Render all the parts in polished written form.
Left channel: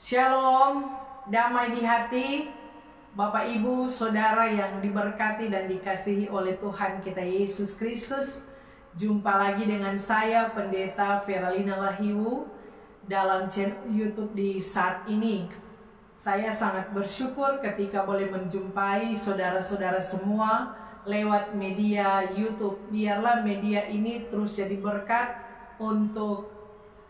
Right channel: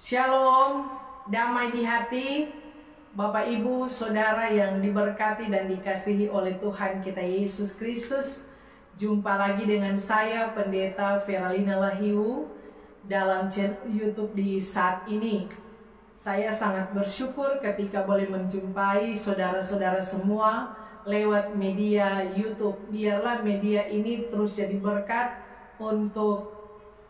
Shalom, damai di hati, Bapak Ibu, Saudara yang diberkati dan dikasihi oleh Tuhan kita Yesus Kristus. Jumpa lagi dengan saya, Pendeta Veralina Lahiwu, dalam channel YouTube di saat ini. Saya sangat bersyukur ketika boleh menjumpai saudara-saudara semua lewat media YouTube. Biarlah media ini terus jadi berkat untuk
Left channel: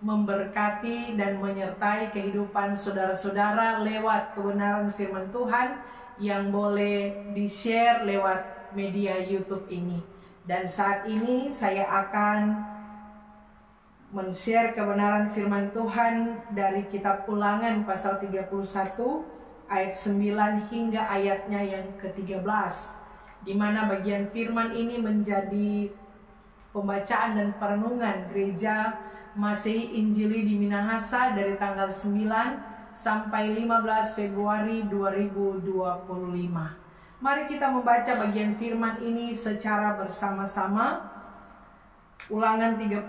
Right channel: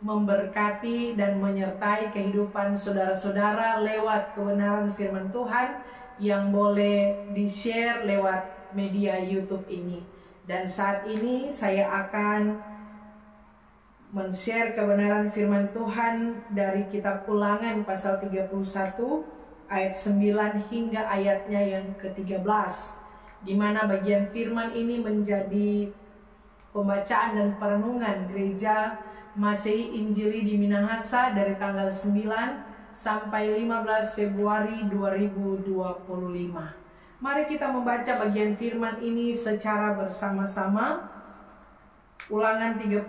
memberkati dan menyertai kehidupan saudara-saudara lewat kebenaran firman Tuhan yang boleh di-share lewat media YouTube ini. Dan saat ini saya akan men-share kebenaran firman Tuhan dari kitab Ulangan pasal 31 ayat 9 hingga ayatnya yang ke-13, di mana bagian firman ini menjadi pembacaan dan perenungan gereja Masehi Injili di Minahasa dari tanggal 9 sampai 15 Februari 2025. Mari kita membaca bagian firman ini secara bersama-sama. Ulangan 31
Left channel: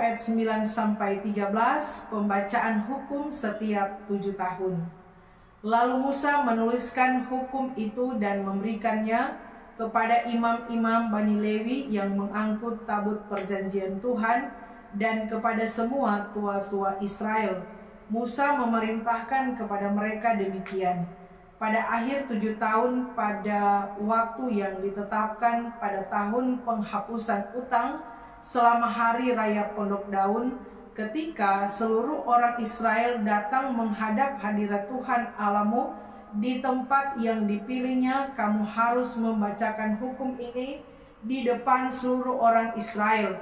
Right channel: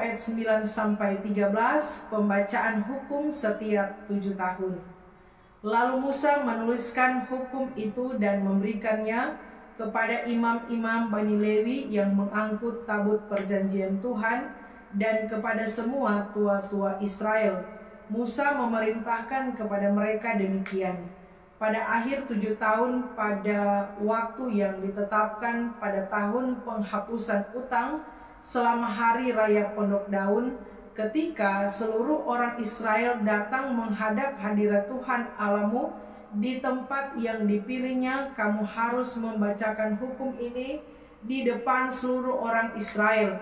ayat 9 sampai 13, pembacaan hukum setiap 7 tahun. Lalu Musa menuliskan hukum itu dan memberikannya kepada imam-imam Bani Lewi yang mengangkut tabut perjanjian Tuhan dan kepada semua tua-tua Israel. Musa memerintahkan kepada mereka demikian: pada akhir 7 tahun, pada waktu yang ditetapkan pada tahun penghapusan utang, selama hari raya Pondok Daun, ketika seluruh orang Israel datang menghadap hadirat Tuhan Allahmu di tempat yang dipilihnya, kamu harus membacakan hukum ini di depan seluruh orang Israel.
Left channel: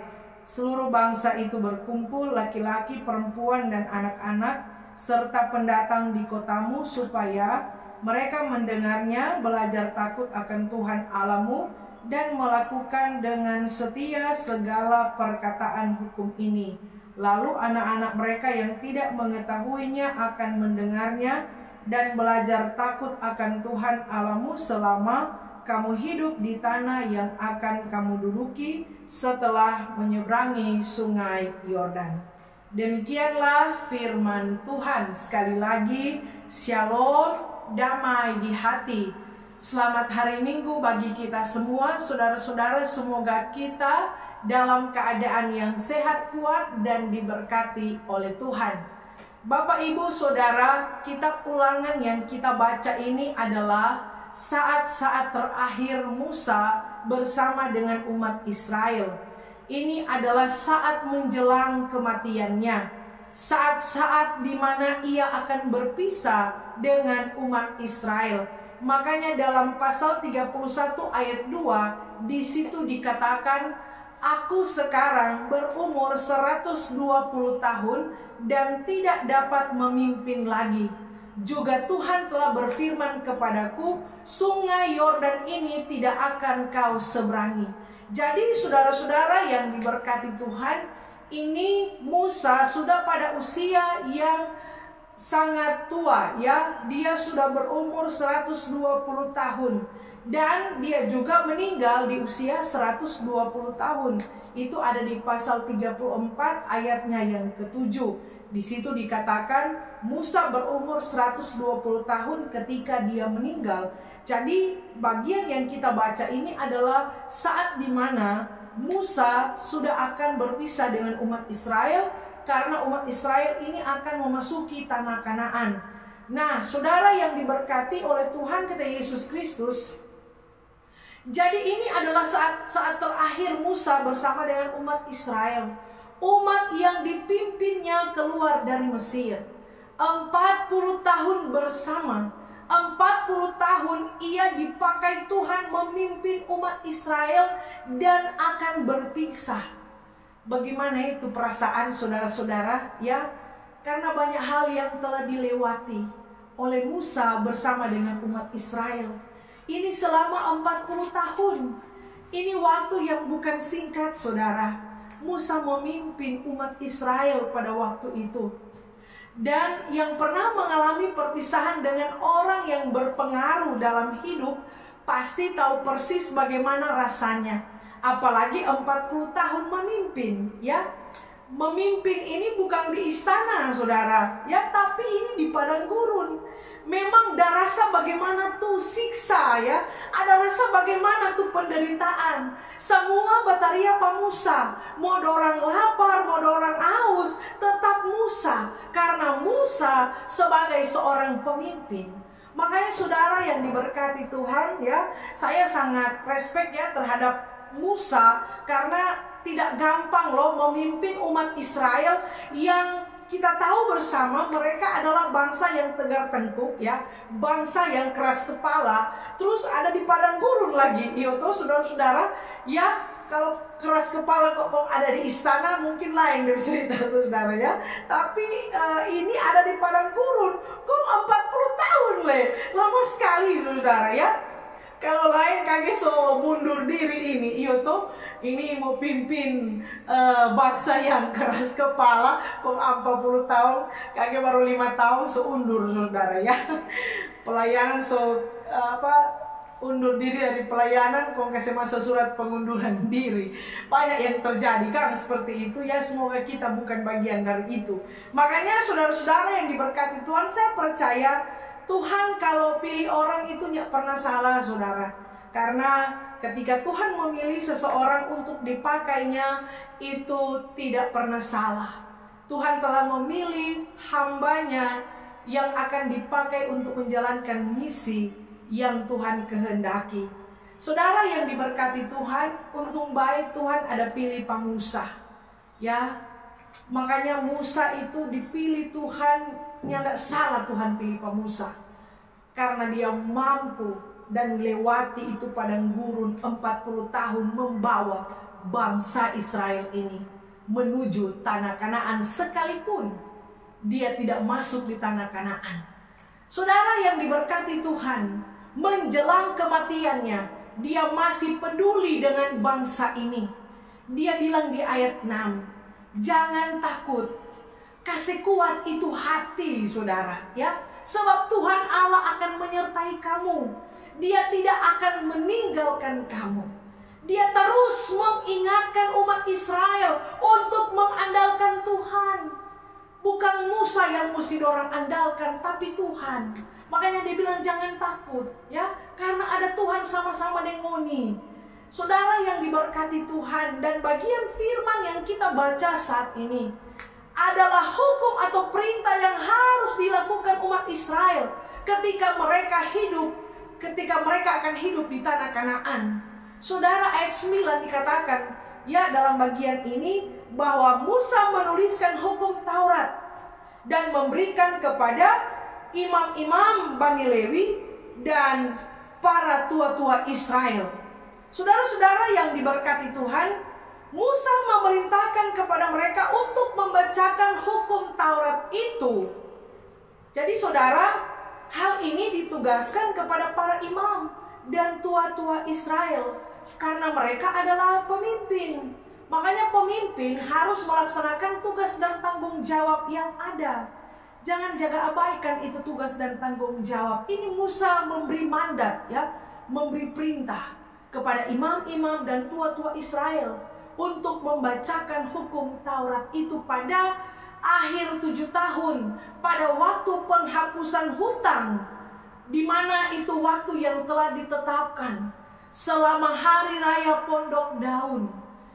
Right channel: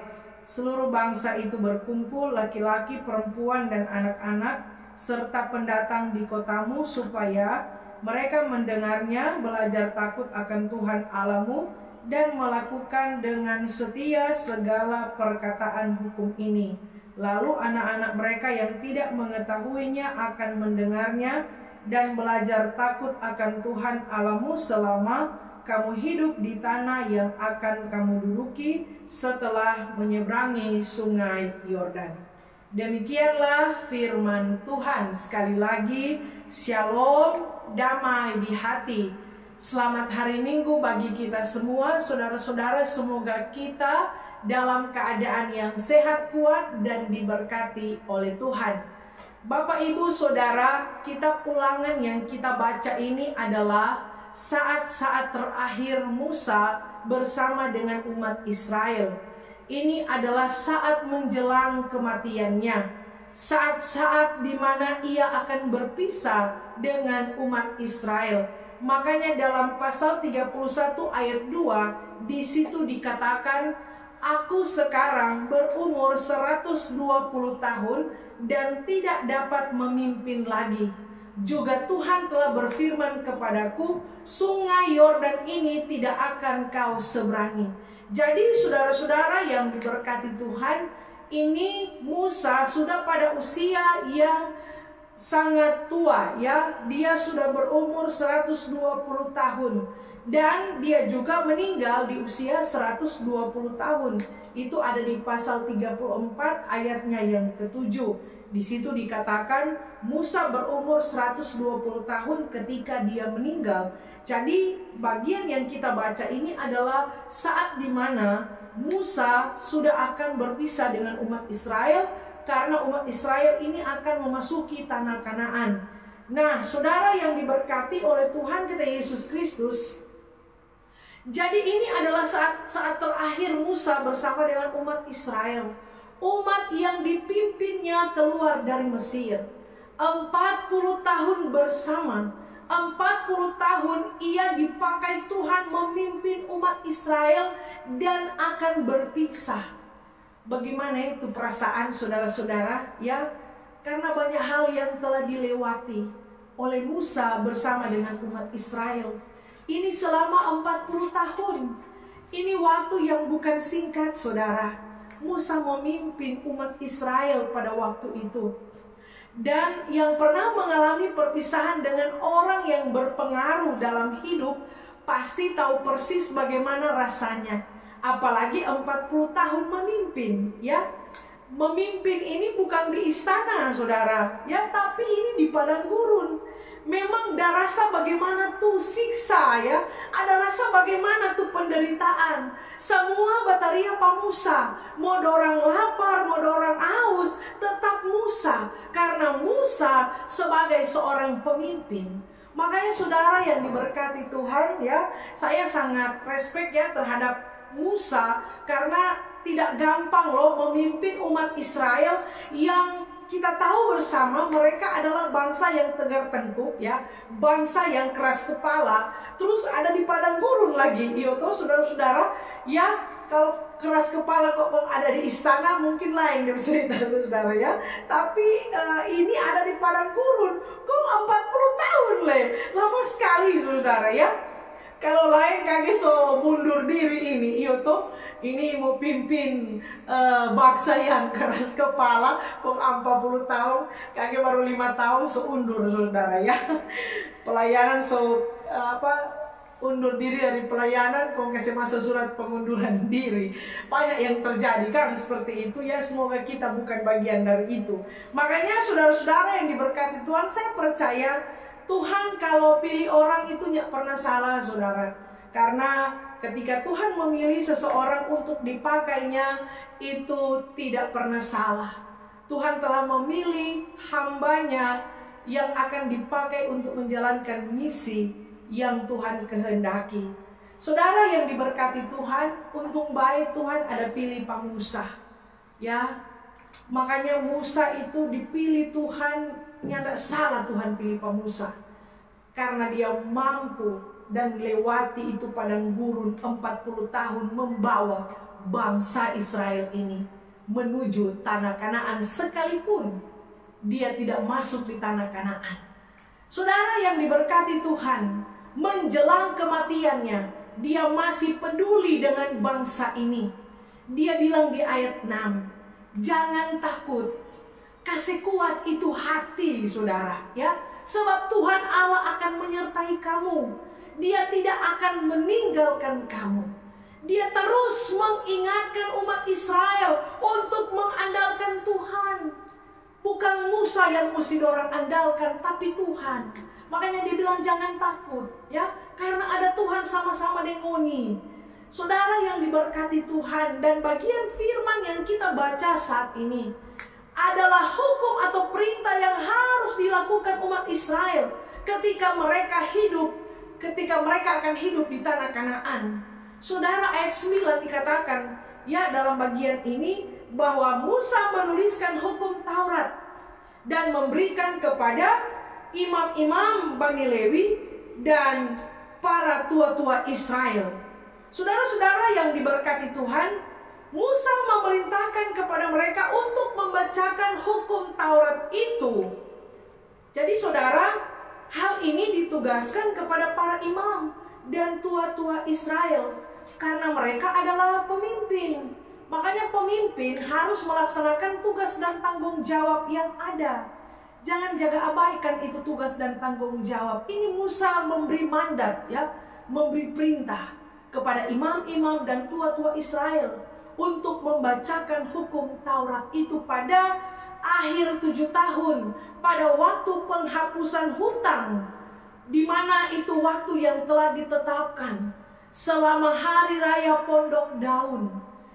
Seluruh bangsa itu berkumpul, laki-laki, perempuan, dan anak-anak, serta pendatang di kotamu, supaya mereka mendengarnya, belajar takut akan Tuhan Allahmu, dan melakukan dengan setia segala perkataan hukum ini. Lalu anak-anak mereka yang tidak mengetahuinya akan mendengarnya dan belajar takut akan Tuhan Allahmu selama kamu hidup di tanah yang akan kamu duduki setelah menyeberangi sungai Yordan. Demikianlah firman Tuhan. Sekali lagi, shalom, damai di hati. Selamat hari Minggu bagi kita semua, saudara-saudara. Semoga kita dalam keadaan yang sehat, kuat, dan diberkati oleh Tuhan. Bapak, Ibu, Saudara, kitab Ulangan yang kita baca ini adalah saat-saat terakhir Musa bersama dengan umat Israel. Ini adalah saat menjelang kematiannya, saat-saat di mana ia akan berpisah dengan umat Israel. Makanya dalam pasal 31 ayat 2 di situ dikatakan, aku sekarang berumur 120 tahun dan tidak dapat memimpin lagi. Juga Tuhan telah berfirman kepadaku, sungai Yordan ini tidak akan kau seberangi. Jadi saudara-saudara yang diberkati Tuhan, ini Musa sudah pada usia yang sangat tua, ya. Dia sudah berumur 120 tahun. Dan dia juga meninggal di usia 120 tahun. Itu ada di pasal 34 ayatnya yang ke-7. Di situ dikatakan Musa berumur 120 tahun ketika dia meninggal. Jadi bagian yang kita baca ini adalah saat di mana Musa sudah akan berpisah dengan umat Israel, karena umat Israel ini akan memasuki tanah Kanaan. Nah, saudara yang diberkati oleh Tuhan kita Yesus Kristus, jadi ini adalah saat terakhir Musa bersama dengan umat Israel. Umat yang dipimpinnya keluar dari Mesir. 40 tahun bersama. 40 tahun ia dipakai Tuhan memimpin umat Israel dan akan berpisah. Bagaimana itu perasaan saudara-saudara, ya? Karena banyak hal yang telah dilewati oleh Musa bersama dengan umat Israel. Ini selama 40 tahun. Ini waktu yang bukan singkat, saudara. Musa memimpin umat Israel pada waktu itu. Dan yang pernah mengalami perpisahan dengan orang yang berpengaruh dalam hidup pasti tahu persis bagaimana rasanya. Apalagi 40 tahun memimpin, ya. memimpin ini bukan di istana, saudara, ya, tapi ini di padang gurun. Memang ada rasa bagaimana tuh siksa, ya, ada rasa bagaimana tuh penderitaan. Semua bataria pa Musa, mau dorang lapar, mau dorang haus, tetap Musa, karena Musa sebagai seorang pemimpin. Makanya saudara yang diberkati Tuhan, ya, saya sangat respect ya terhadap Musa, karena tidak gampang loh memimpin umat Israel yang kita tahu bersama mereka adalah bangsa yang tegar tengkuk, ya, bangsa yang keras kepala, terus ada di padang gurun lagi. Iyo tuh saudara-saudara, ya, kalau keras kepala kok ada di istana mungkin lain dari cerita saudara, ya. Tapi ini ada di padang gurun, kok 40 tahun lama sekali saudara, ya. Kalau lain kage so mundur diri ini mau pimpin bangsa yang keras kepala kok 40 tahun, kage baru 5 tahun so undur saudara, ya. Pelayanan undur diri dari pelayanan, kok kasih masuk surat pengunduran diri. Banyak yang terjadi kan seperti itu, ya. Semoga kita bukan bagian dari itu. Makanya saudara-saudara yang diberkati Tuhan, saya percaya Tuhan kalau pilih orang itu tidak pernah salah, saudara. Karena ketika Tuhan memilih seseorang untuk dipakainya, itu tidak pernah salah. Tuhan telah memilih hambanya yang akan dipakai untuk menjalankan misi yang Tuhan kehendaki. Saudara yang diberkati Tuhan, untung baik Tuhan ada pilih pa Musa, ya. Makanya Musa itu dipilih Tuhan. Tidak salah Tuhan pilih pa Musa, karena dia mampu dan lewati itu padang gurun 40 tahun membawa bangsa Israel ini menuju tanah Kanaan, sekalipun dia tidak masuk di tanah Kanaan. Saudara yang diberkati Tuhan, menjelang kematiannya dia masih peduli dengan bangsa ini. Dia bilang di ayat 6, jangan takut, kasih kuat itu hati, saudara, ya. Sebab Tuhan Allah akan menyertai kamu. Dia tidak akan meninggalkan kamu. Dia terus mengingatkan umat Israel untuk mengandalkan Tuhan. Bukan Musa yang mesti dorang andalkan, tapi Tuhan. Makanya dia bilang jangan takut, ya, karena ada Tuhan sama-sama dengoni. Saudara yang diberkati Tuhan, dan bagian firman yang kita baca saat ini adalah hukum atau perintah yang harus dilakukan umat Israel ketika mereka akan hidup di tanah Kanaan. Saudara, ayat 9 dikatakan, ya, dalam bagian ini bahwa Musa menuliskan hukum Taurat dan memberikan kepada imam-imam Bani Lewi dan para tua-tua Israel. Saudara-saudara yang diberkati Tuhan, Musa memerintahkan kepada mereka untuk membacakan hukum Taurat itu. Jadi saudara, hal ini ditugaskan kepada para imam dan tua-tua Israel, karena mereka adalah pemimpin. Makanya pemimpin harus melaksanakan tugas dan tanggung jawab yang ada. Jangan jaga abaikan itu tugas dan tanggung jawab. Ini Musa memberi mandat, ya, memberi perintah kepada imam-imam dan tua-tua Israel untuk membacakan hukum Taurat itu pada akhir 7 tahun, pada waktu penghapusan hutang, di mana itu waktu yang telah ditetapkan selama hari raya Pondok Daun.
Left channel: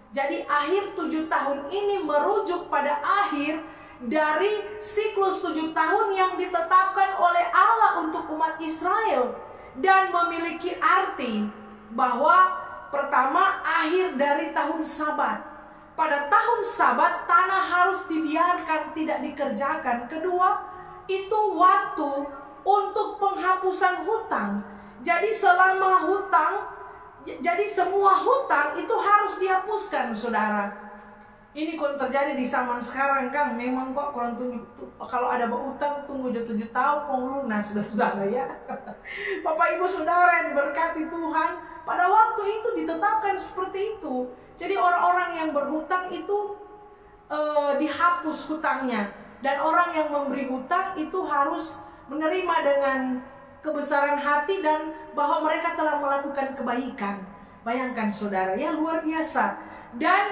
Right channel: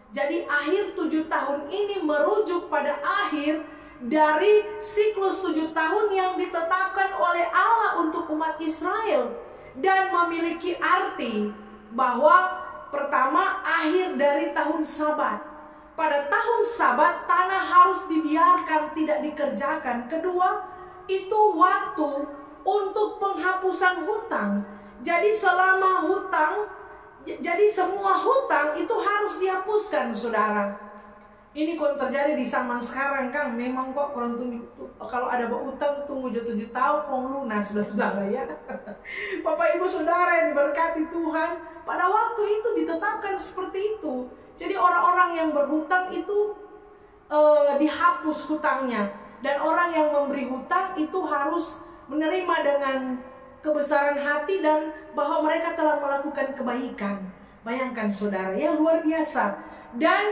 Jadi akhir 7 tahun ini merujuk pada akhir dari siklus 7 tahun yang ditetapkan oleh Allah untuk umat Israel, dan memiliki arti bahwa pertama, akhir dari tahun Sabat. Pada tahun Sabat, tanah harus dibiarkan tidak dikerjakan. Kedua, itu waktu untuk penghapusan hutang. Jadi selama hutang, jadi semua hutang itu harus dihapuskan, saudara. Ini kok terjadi di zaman sekarang, Kang. Memang kok kalau ada utang tunggu 7 tahun kok lunas, saudara, ya. Bapak Ibu Saudara yang diberkati Tuhan, pada waktu itu ditetapkan seperti itu. Jadi orang-orang yang berhutang itu dihapus hutangnya, dan orang yang memberi hutang itu harus menerima dengan kebesaran hati dan bahwa mereka telah melakukan kebaikan. Bayangkan saudara, ya, luar biasa. Dan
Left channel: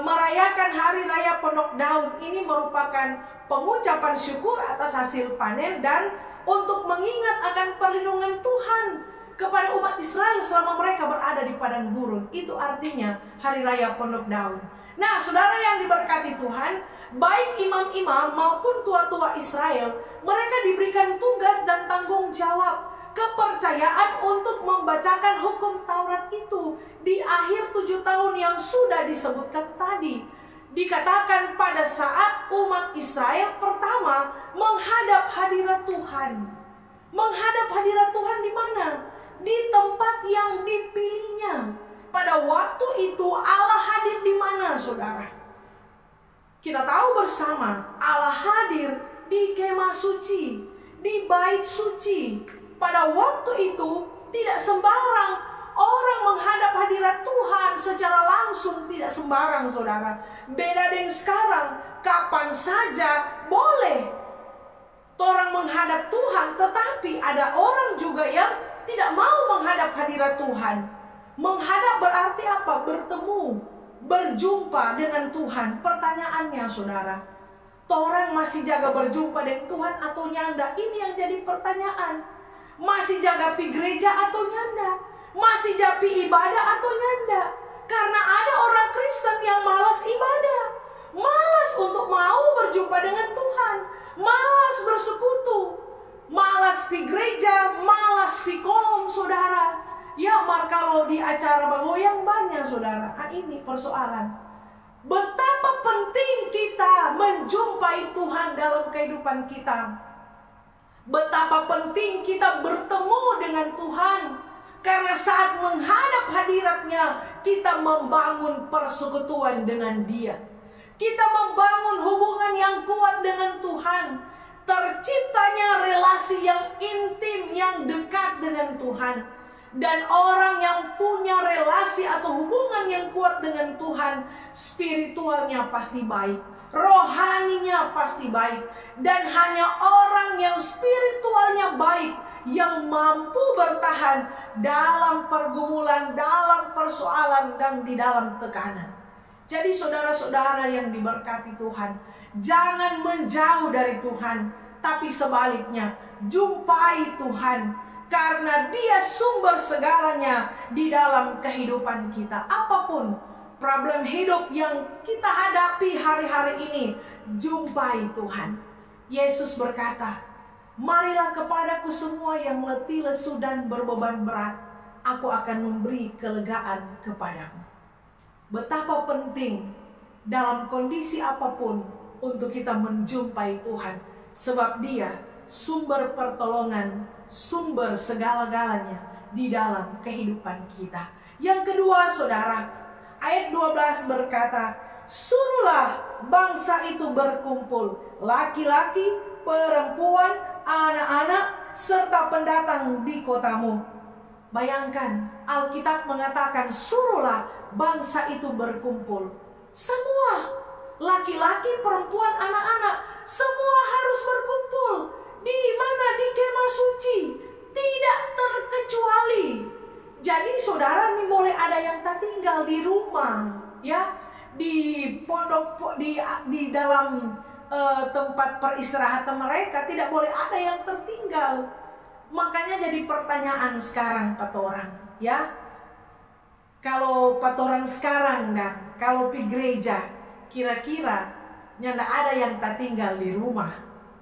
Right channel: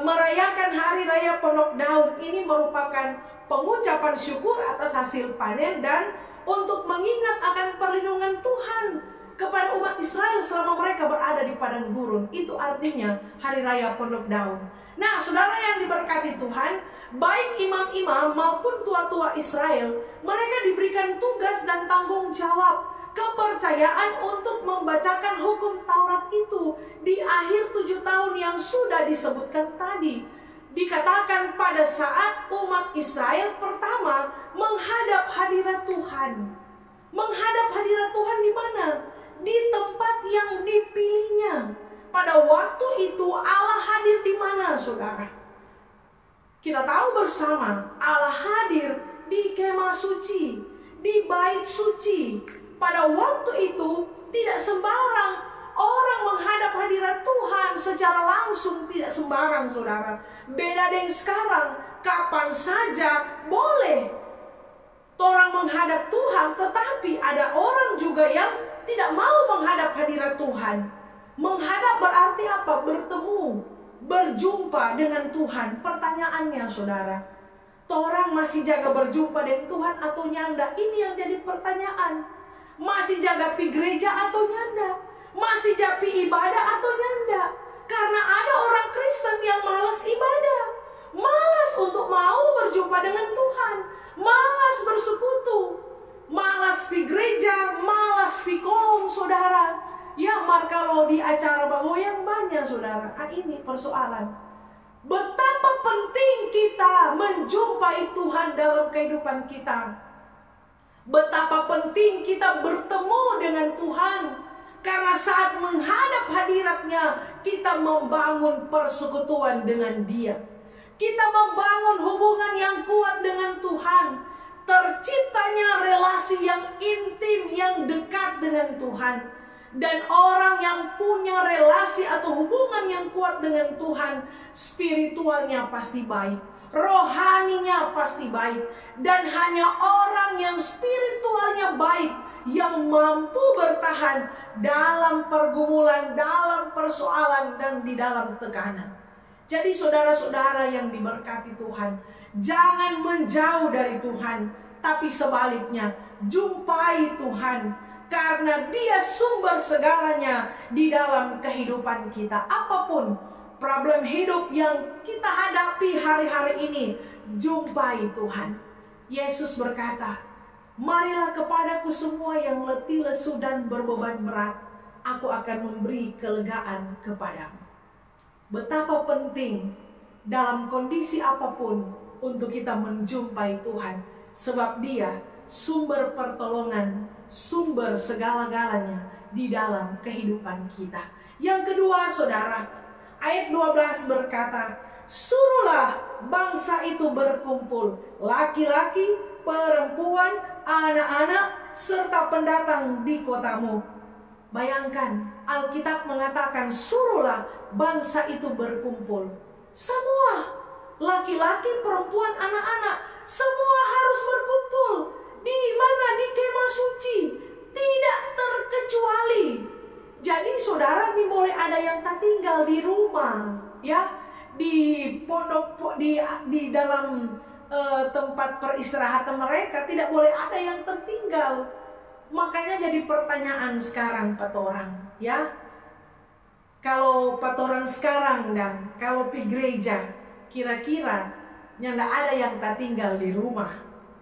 merayakan hari raya Pondok Daun. Ini merupakan pengucapan syukur atas hasil panen dan untuk mengingat akan perlindungan Tuhan kepada umat Israel selama mereka berada di padang gurun. Itu artinya hari raya Pondok Daun. Nah, saudara yang diberkati Tuhan, baik imam-imam maupun tua-tua Israel, mereka diberikan tugas dan tanggung jawab, kepercayaan untuk membacakan hukum Taurat itu di akhir 7 tahun yang sudah disebutkan tadi. Dikatakan pada saat umat Israel pertama menghadap hadirat Tuhan. Menghadap hadirat Tuhan di mana? Di tempat yang dipilihnya. Pada waktu itu Allah hadir di mana, saudara? Kita tahu bersama Allah hadir di kemah suci, di bait suci. Pada waktu itu tidak sembarang orang menghadap hadirat Tuhan secara langsung, tidak sembarang, saudara. Beda dengan sekarang, kapan saja boleh orang menghadap Tuhan, tetapi ada orang juga yang tidak mau menghadap hadirat Tuhan. Menghadap berarti apa? Bertemu, berjumpa dengan Tuhan. Pertanyaannya, saudara, orang masih jaga berjumpa dengan Tuhan atau nyanda? Ini yang jadi pertanyaan. Masih jaga pi gereja atau nyanda? Masih japi ibadah atau nyanda? Karena ada orang Kristen yang malas ibadah, malas untuk mau berjumpa dengan Tuhan, malas bersekutu, malas pi gereja, malas pi kolom, saudara. Ya, kalau di acara bagoyang banyak, saudara. Nah, ini persoalan. Betapa penting kita menjumpai Tuhan dalam kehidupan kita. Betapa penting kita bertemu dengan Tuhan. Karena saat menghadap hadiratnya, kita membangun persekutuan dengan Dia. Kita membangun hubungan yang kuat dengan Tuhan. Terciptanya relasi yang intim, yang dekat dengan Tuhan. Dan orang yang punya relasi atau hubungan yang kuat dengan Tuhan, spiritualnya pasti baik, rohaninya pasti baik. Dan hanya orang yang spiritualnya baik yang mampu bertahan dalam pergumulan, dalam persoalan, dan di dalam tekanan. Jadi saudara-saudara yang diberkati Tuhan, jangan menjauh dari Tuhan, tapi sebaliknya jumpai Tuhan. Karena Dia sumber segalanya di dalam kehidupan kita. Apapun problem hidup yang kita hadapi hari-hari ini, jumpai Tuhan. Yesus berkata, "Marilah kepadaku semua yang letih, lesu, dan berbeban berat. Aku akan memberi kelegaan kepadamu." Betapa penting dalam kondisi apapun untuk kita menjumpai Tuhan. Sebab Dia sumber pertolongan, sumber segala-galanya di dalam kehidupan kita. Yang kedua, saudara, ayat 12 berkata, "Suruhlah bangsa itu berkumpul, laki-laki, perempuan, anak-anak, serta pendatang di kotamu." Bayangkan, Alkitab mengatakan suruhlah bangsa itu berkumpul. Semua, laki-laki, perempuan, anak-anak, semua harus berkumpul. Di mana? Di kemah suci, tidak terkecuali. Jadi saudara, ini boleh ada yang tak tinggal di rumah, ya, di pondok, di dalam tempat peristirahatan mereka, tidak boleh ada yang tertinggal. Makanya jadi pertanyaan sekarang orang, ya, kalau orang sekarang dan kalau pi gereja, kira-kira nyanda ada yang tak tinggal di rumah,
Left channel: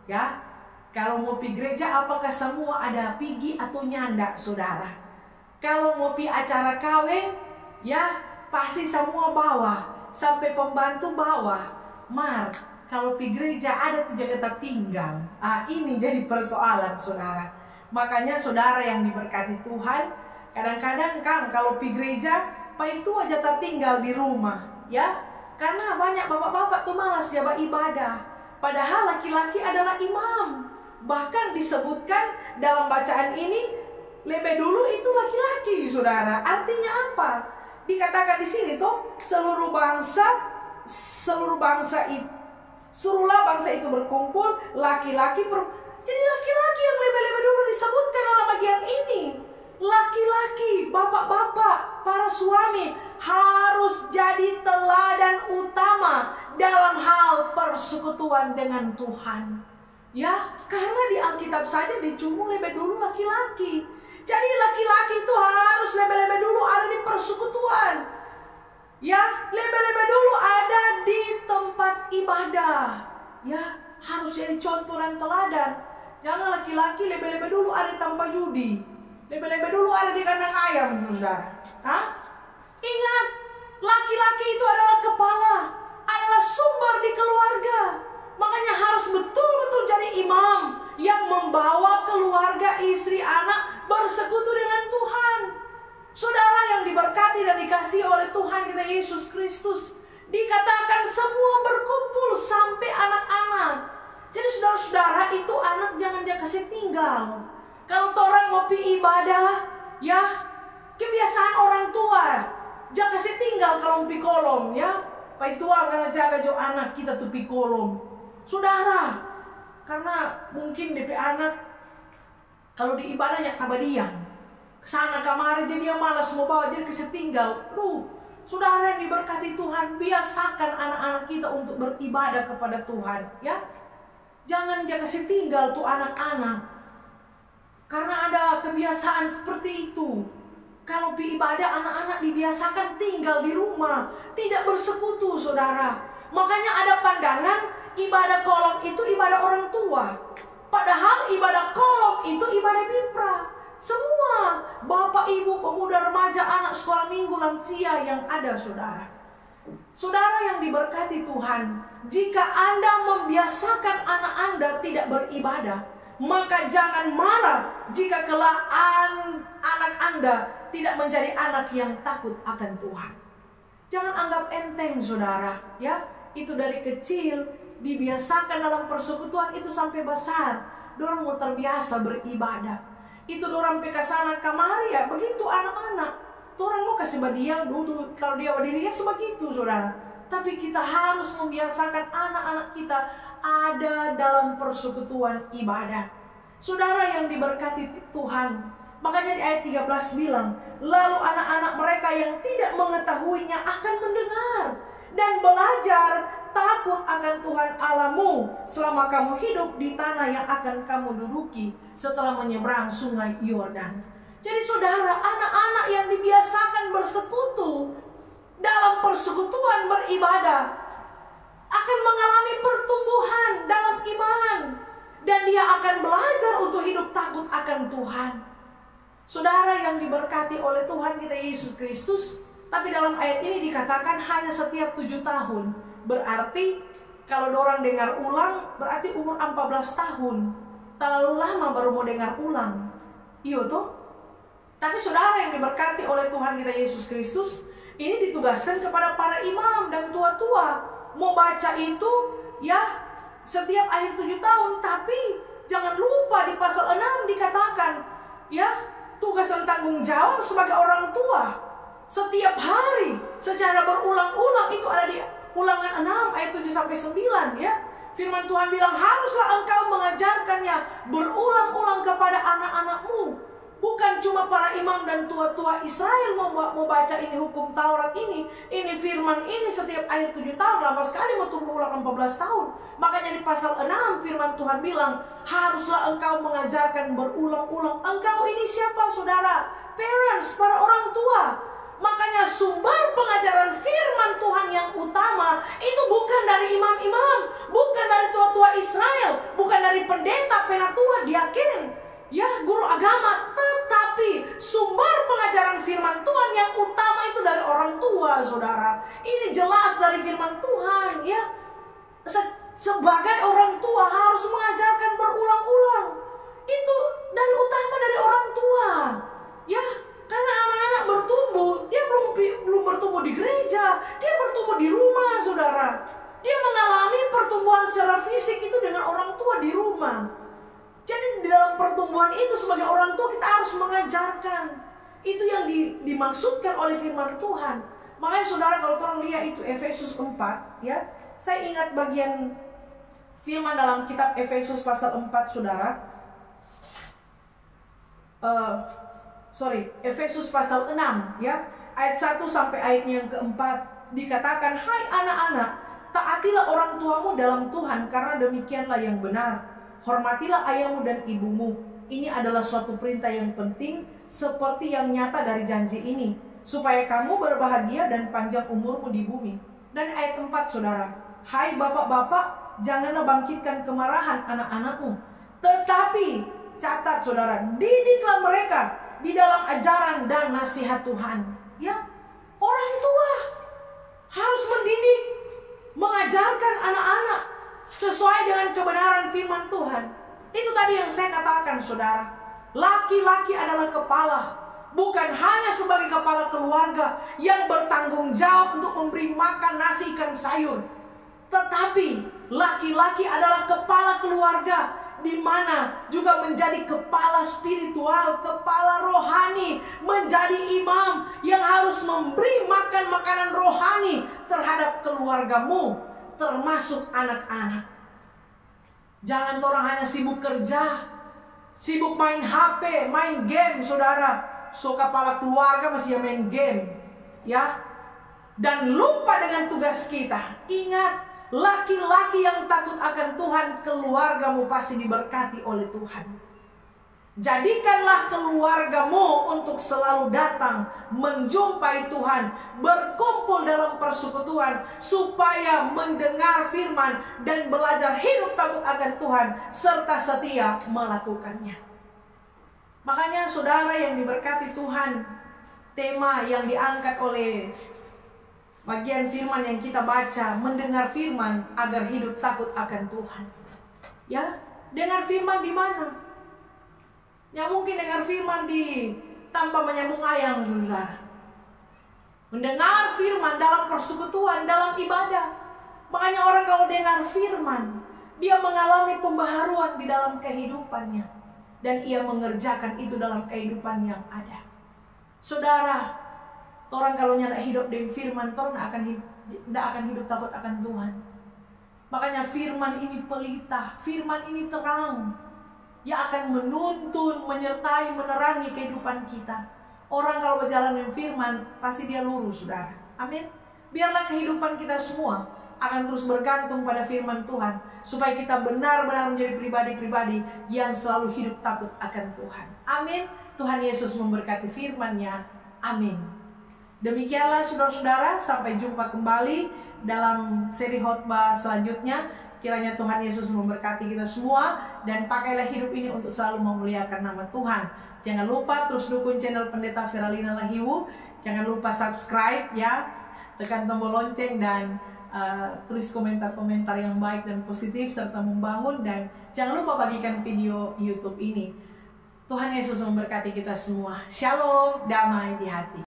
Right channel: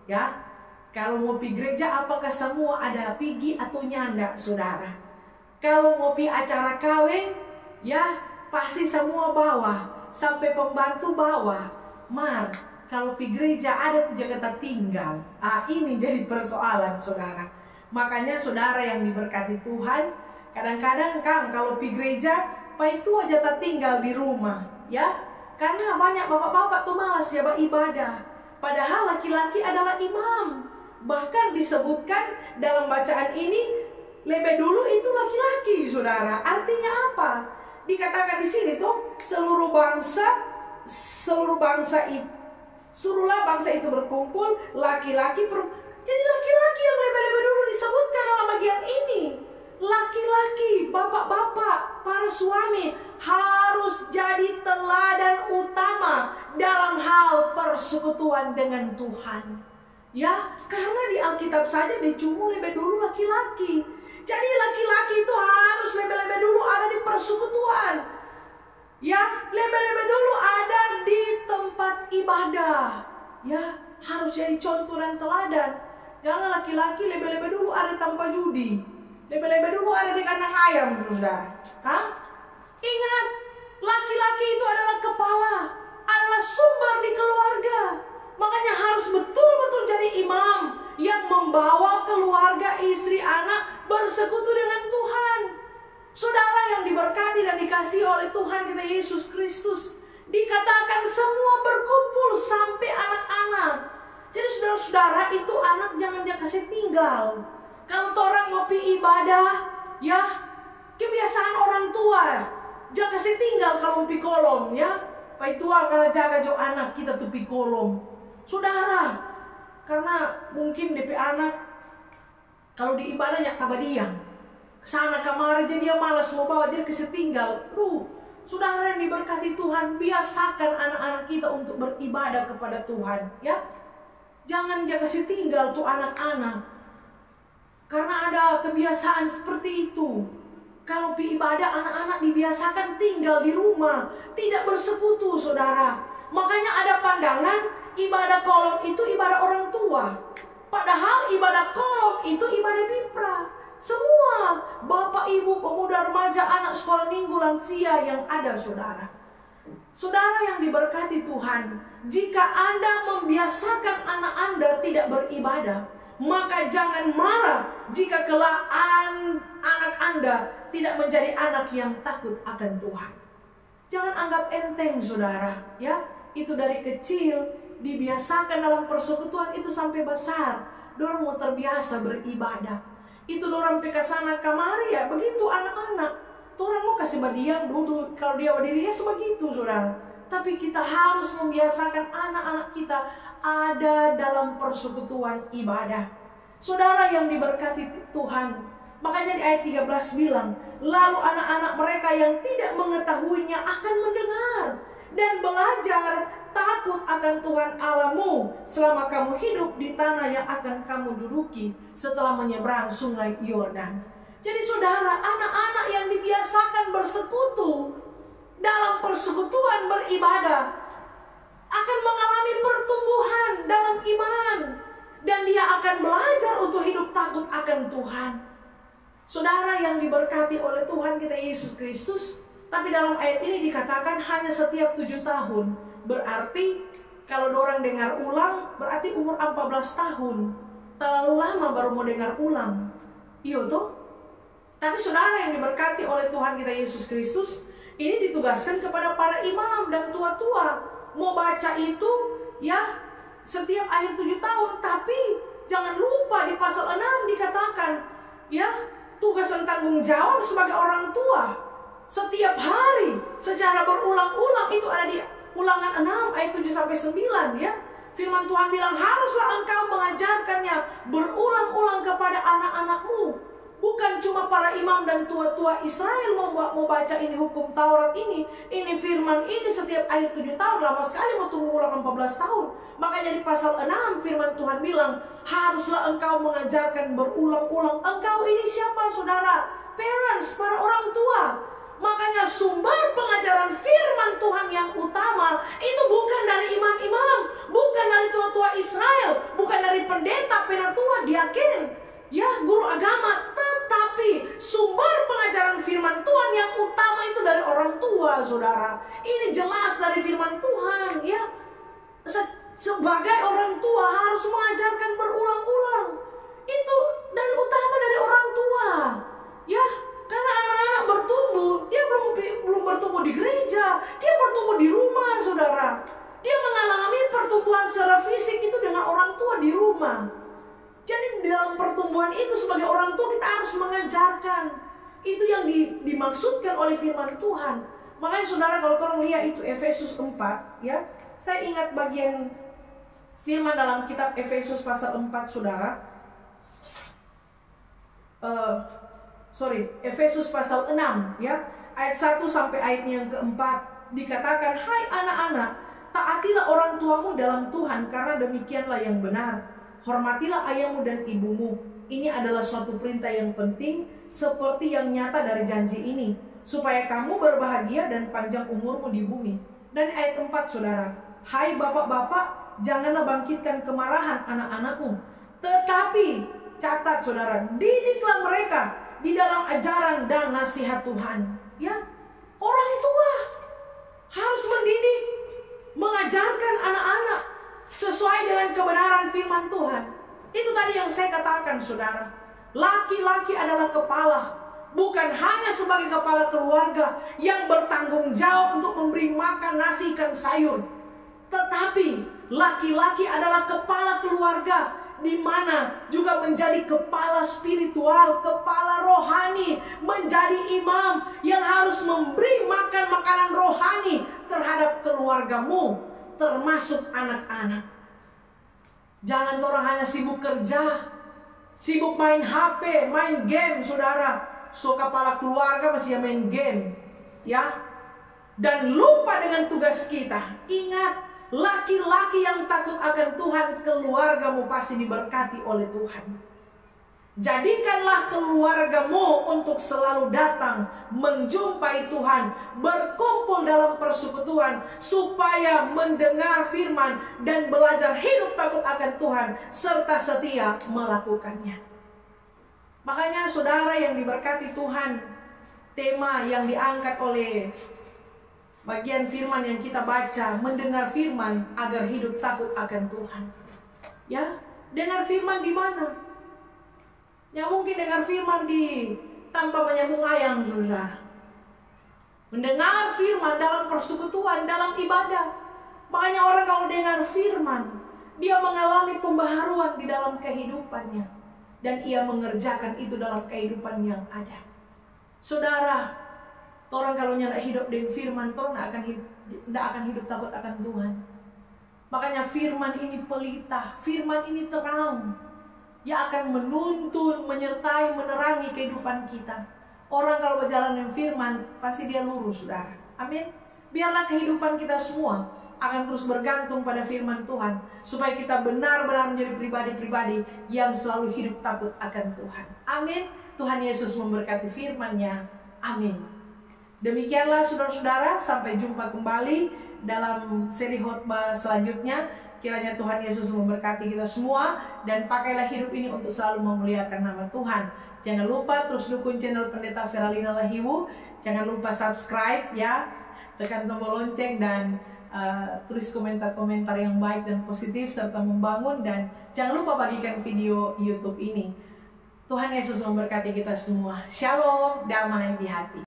ya. Kalau mau pi gereja, apakah semua ada pigi atau nyanda, saudara? Kalau mau pi acara kawin, ya pasti semua bawa, sampai pembantu bawa. Kalau pi gereja ada tuh jaga tertinggal. Ini jadi persoalan, saudara. Makanya saudara yang diberkati Tuhan, kadang-kadang kan kalau pi gereja, pak itu aja tertinggal di rumah, ya. Karena banyak bapak-bapak tuh malas jabat ibadah. Padahal laki-laki adalah imam. Bahkan disebutkan dalam bacaan ini, lebih dulu itu laki-laki, saudara. Artinya apa? Dikatakan di sini tuh seluruh bangsa itu, suruhlah bangsa itu berkumpul, laki-laki, jadi laki-laki yang lebih-lebih dulu disebutkan dalam bagian ini. Laki-laki, bapak-bapak, para suami harus jadi teladan utama dalam hal persekutuan dengan Tuhan. Ya, karena di Alkitab saja dicumul lebih dulu laki-laki. Jadi laki-laki itu harus lebih-lebih dulu ada di persekutuan. Ya, lebih-lebih dulu ada di tempat ibadah. Ya, harus jadi contoh dan teladan. Jangan laki-laki lebih-lebih dulu ada tanpa judi, lebih-lebih dulu ada di kandang ayam, saudara. Ingat, laki-laki itu adalah kepala, adalah sumber di keluarga. Makanya harus betul-betul jadi imam yang membawa keluarga, istri, anak bersekutu dengan Tuhan. Saudara yang diberkati dan dikasihi oleh Tuhan kita Yesus Kristus, dikatakan semua berkumpul sampai anak-anak. Jadi saudara-saudara, itu anak jangan dia kasih tinggal. Kalau orang mau pi ibadah, ya kebiasaan orang tua, jangan kasih tinggal kalau mau pi kolom, ya. Pai tua karena jaga jo anak kita tuh pi kolom. Saudara, karena mungkin DP anak kalau di ibadahnya tabadian, kesana kamari jadi dia malas mau bawa, jadi kasih tinggal. Saudara yang diberkati Tuhan, biasakan anak-anak kita untuk beribadah kepada Tuhan, ya. Jangan dia kasih tinggal tuh anak-anak, karena ada kebiasaan seperti itu. Kalau pi ibadah, anak-anak dibiasakan tinggal di rumah, tidak bersekutu, saudara. Makanya ada pandangan ibadah kolom itu ibadah orang tua, padahal ibadah kolom itu ibadah bipra. Semua bapak, ibu, pemuda, remaja, anak sekolah minggu, lansia yang ada, saudara. Saudara yang diberkati Tuhan, jika Anda membiasakan anak Anda tidak beribadah, maka jangan marah jika kelak anak Anda tidak menjadi anak yang takut akan Tuhan. Jangan anggap enteng, saudara, ya. Itu dari kecil dibiasakan dalam persekutuan itu sampai besar. Dorang mau terbiasa beribadah. Itu dorang pekasana kamari, ya begitu anak-anak. Dorang mau kasih badiang duduk, kalau dia berdiri ya sebegitu, saudara. Tapi kita harus membiasakan anak-anak kita ada dalam persekutuan ibadah. Saudara yang diberkati Tuhan, makanya di ayat 13 bilang, lalu anak-anak mereka yang tidak mengetahuinya akan mendengar dan belajar takut akan Tuhan Allahmu selama kamu hidup di tanah yang akan kamu duduki setelah menyeberang sungai Yordan. Jadi saudara, anak-anak yang dibiasakan bersekutu dalam persekutuan beribadah akan mengalami pertumbuhan dalam iman, dan dia akan belajar untuk hidup takut akan Tuhan. Saudara yang diberkati oleh Tuhan kita Yesus Kristus, tapi dalam ayat ini dikatakan hanya setiap 7 tahun. Berarti kalau orang dengar ulang, berarti umur 14 tahun. Terlalu lama baru mau dengar ulang. Iya toh? Tapi saudara yang diberkati oleh Tuhan kita Yesus Kristus, ini ditugaskan kepada para imam dan tua-tua. Mau baca itu, ya setiap akhir 7 tahun. Tapi jangan lupa di pasal 6 dikatakan, ya tugas dan tanggung jawab sebagai orang tua. Setiap hari secara berulang-ulang, itu ada di Ulangan 6 ayat 7-9, ya. Firman Tuhan bilang, haruslah engkau mengajarkannya berulang-ulang kepada anak-anakmu. Bukan cuma para imam dan tua-tua Israel mau baca ini hukum Taurat ini firman ini setiap akhir 7 tahun. Lama sekali mau tunggu ulang 14 tahun. Makanya di pasal 6 firman Tuhan bilang, haruslah engkau mengajarkan berulang-ulang. Engkau ini siapa, saudara? Parents, para orang tua. Makanya sumber pengajaran firman Tuhan yang utama itu bukan dari imam-imam, bukan dari tua-tua Israel, bukan dari pendeta, penatua, diaken, ya guru agama, tetapi sumber pengajaran firman Tuhan yang utama itu dari orang tua, saudara. Ini jelas dari firman Tuhan, ya. Sebagai orang tua harus mengajarkan berulang-ulang. Itu dari utama dari orang tua, ya. Karena anak-anak bertumbuh, dia belum bertumbuh di gereja, dia bertumbuh di rumah, saudara. Dia mengalami pertumbuhan secara fisik itu dengan orang tua di rumah. Jadi di dalam pertumbuhan itu sebagai orang tua kita harus mengajarkan. Itu yang dimaksudkan oleh firman Tuhan. Makanya saudara, kalau orang lihat itu Efesus 4, ya. Saya ingat bagian firman dalam kitab Efesus pasal 4, saudara. Efesus pasal 6 ya, ayat 1 sampai ayatnya yang keempat, dikatakan, "Hai anak-anak, taatilah orang tuamu dalam Tuhan, karena demikianlah yang benar. Hormatilah ayahmu dan ibumu. Ini adalah suatu perintah yang penting, seperti yang nyata dari janji ini, supaya kamu berbahagia dan panjang umurmu di bumi." Dan ayat 4 saudara, "Hai bapak-bapak, janganlah bangkitkan kemarahan anak-anakmu, tetapi," catat saudara, "didiklah mereka di dalam ajaran dan nasihat Tuhan." Ya, orang tua harus mendidik, mengajarkan anak-anak sesuai dengan kebenaran firman Tuhan. Itu tadi yang saya katakan saudara. Laki-laki adalah kepala, bukan hanya sebagai kepala keluarga yang bertanggung jawab untuk memberi makan nasi ikan sayur, tetapi laki-laki adalah kepala keluarga, di mana juga menjadi kepala spiritual, kepala rohani, menjadi imam yang harus memberi makan makanan rohani terhadap keluargamu, termasuk anak-anak. Jangan orang hanya sibuk kerja, sibuk main HP, main game saudara. So kepala keluarga masih main game, ya, dan lupa dengan tugas kita. Ingat, laki-laki yang takut akan Tuhan, keluargamu pasti diberkati oleh Tuhan. Jadikanlah keluargamu untuk selalu datang menjumpai Tuhan, berkumpul dalam persekutuan, supaya mendengar firman dan belajar hidup takut akan Tuhan, serta setia melakukannya. Makanya saudara yang diberkati Tuhan, tema yang diangkat oleh bagian firman yang kita baca, mendengar firman agar hidup takut akan Tuhan. Ya, dengar firman di mana? Ya mungkin dengar firman di tanpa menyambung ayam, saudara. Mendengar firman dalam persekutuan, dalam ibadah. Makanya orang kalau dengar firman, dia mengalami pembaharuan di dalam kehidupannya, dan ia mengerjakan itu dalam kehidupan yang ada. Saudara, orang kalau nyala hidup dengan firman, orang tidak akan hidup takut akan Tuhan. Makanya firman ini pelita, firman ini terang, yang akan menuntun, menyertai, menerangi kehidupan kita. Orang kalau berjalan dengan firman, pasti dia lurus, saudara. Amin. Biarlah kehidupan kita semua akan terus bergantung pada firman Tuhan, supaya kita benar-benar menjadi pribadi-pribadi yang selalu hidup takut akan Tuhan. Amin. Tuhan Yesus memberkati firman-Nya. Amin. Demikianlah saudara-saudara, sampai jumpa kembali dalam seri khotbah selanjutnya. Kiranya Tuhan Yesus memberkati kita semua, dan pakailah hidup ini untuk selalu memuliakan nama Tuhan. Jangan lupa terus dukung channel Pendeta Feralina Lahiwu. Jangan lupa subscribe ya, tekan tombol lonceng, dan tulis komentar-komentar yang baik dan positif serta membangun, dan jangan lupa bagikan video YouTube ini. Tuhan Yesus memberkati kita semua. Shalom, damai di hati.